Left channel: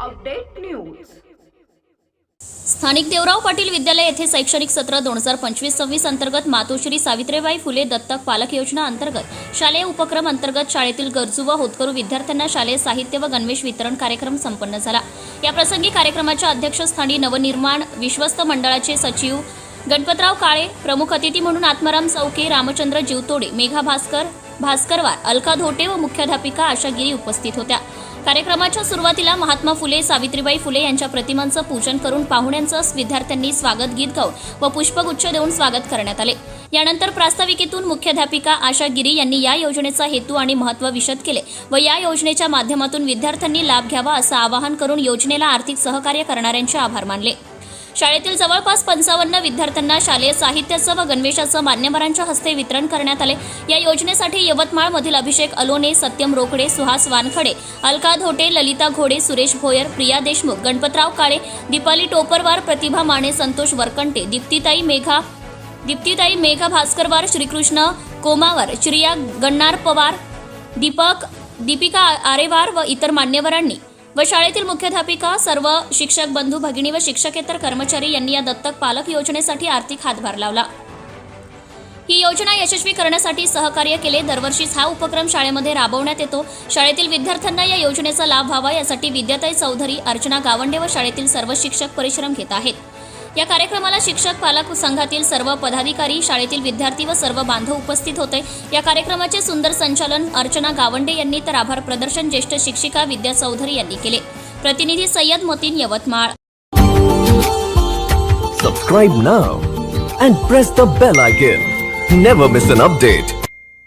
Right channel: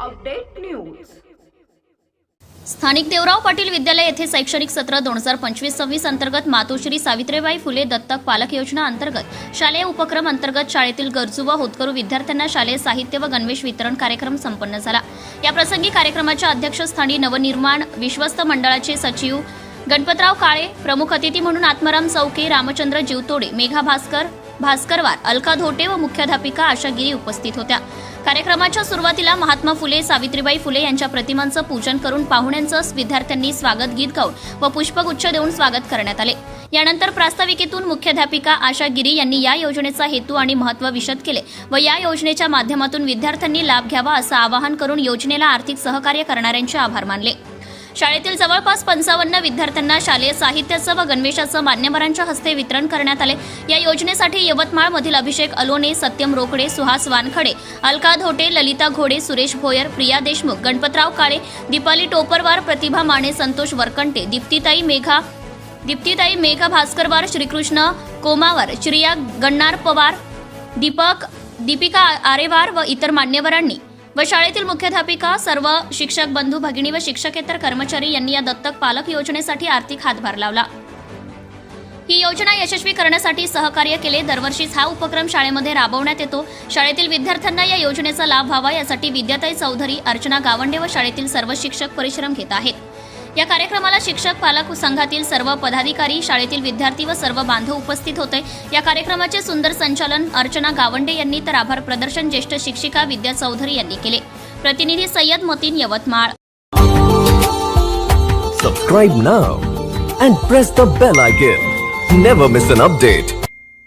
Update news. स्थानिक देवराव पाटील विद्यालय येथे शैक्षणिक सत्र दोन हजार पंचवीस सव्वीस अंतर्गत मातोश्री सावित्रीबाई फुले दत्तक पालक योजना अंतर्गत शालेय उपक्रम अंतर्गत शाळेतील गरजू व होतकरू विद्यार्थ्यांना शालेय साहित्य व गणवेश वितरण कार्यक्रम संपन्न झाला. या प्रसंगी कार्यक्रमाच्या अध्यक्षस्थानी नवनिर्माण विश्वस्त मंडळाचे सचिव गणपतराव काळे प्रमुख अतिथी म्हणून आत्माराम चौके रामचंद्र जीवतोडे मेघा भास्कर भास्करवार अलका धोटे व मुख्याध्यापिका आशा गिरी उपस्थित होत्या. कार्यक्रमाच्या सुरुवातीला महात्मा फुले सावित्रीबाई फुले यांच्या प्रतिमांचं पूजन करून पाहुण्यांचं विद्यार्थ्यांनी स्वागत गीत गाऊन व पुष्पगुच्छ देऊन स्वागत करण्यात आले. यानंतर प्रास्ताविकेतून मुख्याध्यापिका आशा गिरी यांनी या योजनेचा हेतू आणि महत्त्व विशद केले व या योजनेच्या माध्यमातून विद्यार्थ्यांनी लाभ घ्यावा असं आवाहन करून योजनेला आर्थिक सहकार्य करणाऱ्यांचे आभार मानले. शाळेतील जवळपास पंचावन्न विद्यार्थ्यांना शालेय साहित्याचं व गणवेशाचं मान्यवरांच्या हस्ते वितरण करण्यात आले. या योजनेसाठी यवतमाळमधील अभिषेक अलोने सत्यम रोकडे सुहास वानखडे अलका धोटे ललिता घोडे सुरेश भोयर प्रिया देशमुख गणपतराव काळे दीपाली टोपरवार प्रतिभा माने संतोष वरकंटे दीप्तीताई मेघा दीप्तिताई मेघा भास्करवार श्रीकृष्ण कोमावर श्रिया गण्णार पवार दीपक दीपिका आरेवार व इतर मान्यवरांनी व शाळेतील मुख्याध्यापिका सर्व शिक्षक बंधू भगिनी व शिक्षकेतर कर्मचारी यांनी या दत्तक पालक योजनेसाठी आर्थिक हातभार लावला. ही योजना यशस्वी करण्यासाठी सहकार्य केले. दरवर्षीच हा उपक्रम शाळेमध्ये राबवण्यात येतो. शाळेतील विद्यार्थ्यांना या योजनेचा लाभ व्हावा यासाठी विद्याताई चौधरी अर्चना गावंडे व शाळेतील सर्व शिक्षक परिश्रम घेत आहेत. या कार्यक्रमाला शिक्षक पालक संघातील सर्व पदाधिकारी शाळेतील विद्यार्थी व सर्व बांधव उपस्थित होते. या कार्यक्रमाचे सुंदर संचालन अर्चना गावंडे यांनी तर आभार प्रदर्शन ज्येष्ठ शिक्षिका विद्या चौधरी यांनी केले. प्रतिनिधी Sayyad Motin Yavatmal. Subscribe now and press the bell icon never miss an update